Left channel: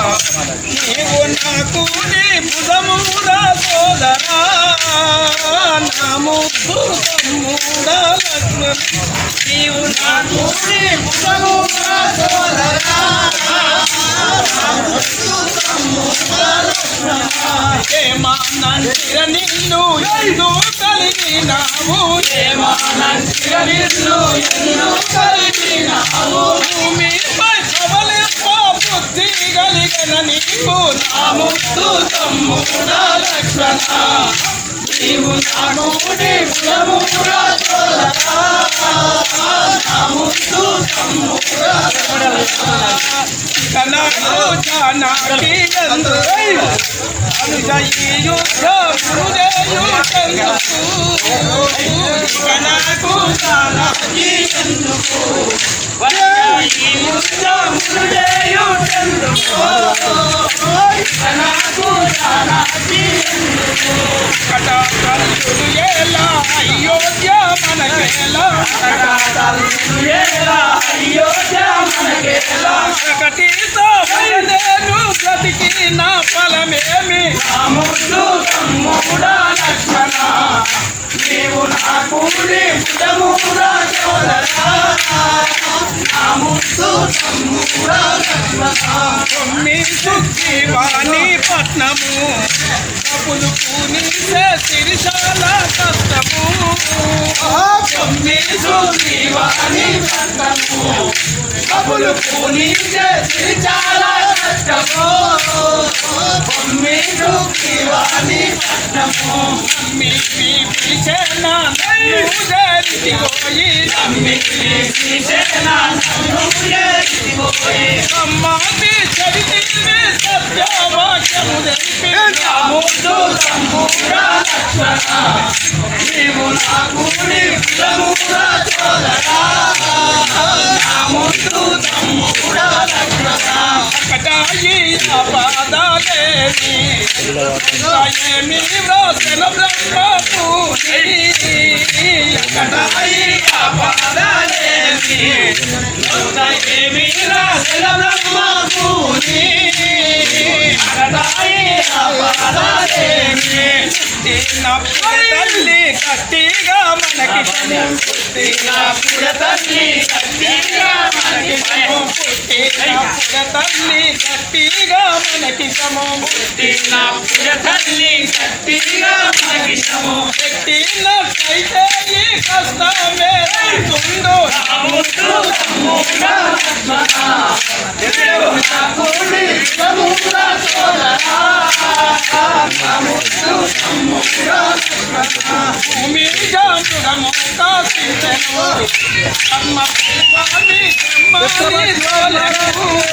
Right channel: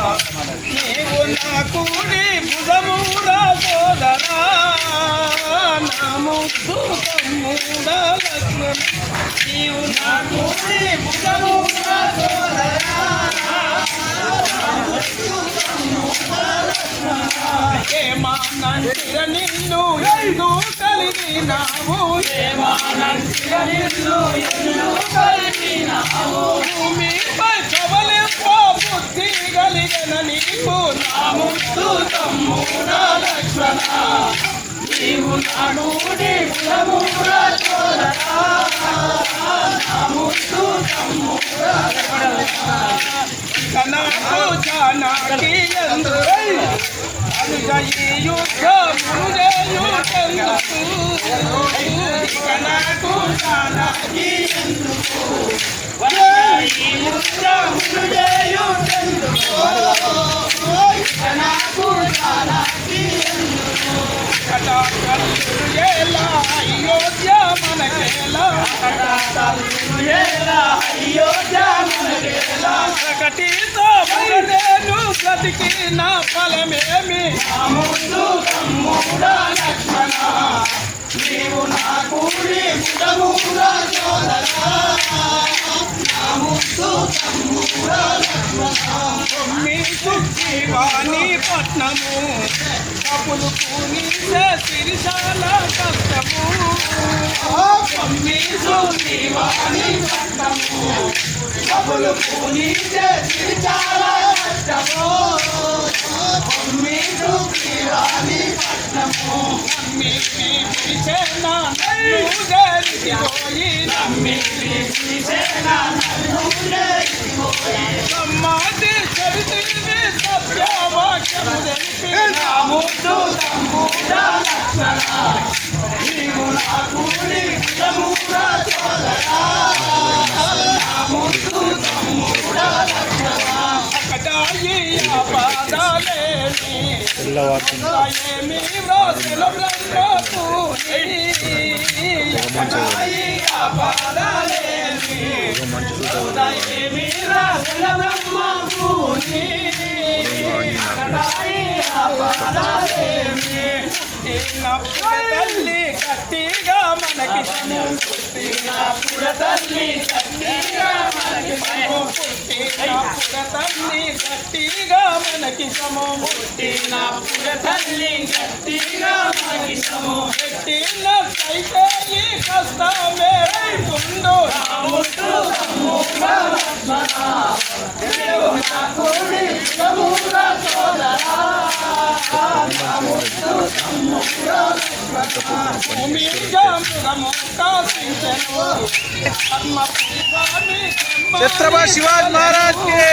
నీవు నాకు నీ భుజమురా సోదరా నా ముద్దు తమ్ముడా లక్ష్మణ నీవు నాకు నీ భుజమురా సోదరా ఏమానంటిర నిన్ను ఎందు కలిగినావు ఏమానంటిర నిన్ను ఎందు కలిగినావు భూమిపై ప్రబలింప బుద్ధి కలిగిన నీకు నా ముద్దు తమ్ముడా లక్ష్మణ నీవు నాకు నీ భుజమురా సోదరా నా ముద్దు తమ్ముడా నాకు జానకి యందు అనుదయ్యు గురుదేయు చంద్రసు నాకు జానకి యందు వదయ్యు గురుదేయు చంద్రసు నాకు జానకి యందు కటాకల్లు ఎలా అయోధ్య మనకేలా కటాకల్లు ఎలా అయోధ్య మనకేలా ప్రకటితో నేను బ్రతికిన ఫలమేమి నా ముద్దు తమ్ముడా లక్ష్మణ నీవు నాకు నీ భుజమురా సోదరా నా ముద్దు తమ్ముడా లక్ష్మణ సుఖీవాణి పట్నము కపులు పూనిసే సిరిశాల కష్టము సుఖీవాణి పట్నము కపులు పూనిసే సిరిశాల కష్టము సుఖీవాణి పట్నము అమ్మి పిలిచేనా పోయి అమ్మి పిలిచేనా పోయి అమ్మాకి చరితివే సత్యవాక్యము తెలిపి నా ముద్దు తమ్ముడా లక్ష్మణ నీవు నాకు నీ భుజమురా సోదరా నా ముద్దు తమ్ముడా లక్ష్మణ కటాయి పాదాదేవి ఏమి వ్రాసిన బ్రహ్మపూరి కటాయి పాదాదేవి ఏమి వ్రాసిన బ్రహ్మపూరి కటాయి పాదాదేవి తల్లి కట్టిగా మనకి తల్లి కట్టిగా మనకి తల్లి కట్టిగా మనకి సమో తల్లి కట్టిగా మనకి సమో పెట్టినట్టయితే ఈ కష్టమే రైతుందో छत्रपति शिवाजी महाराज के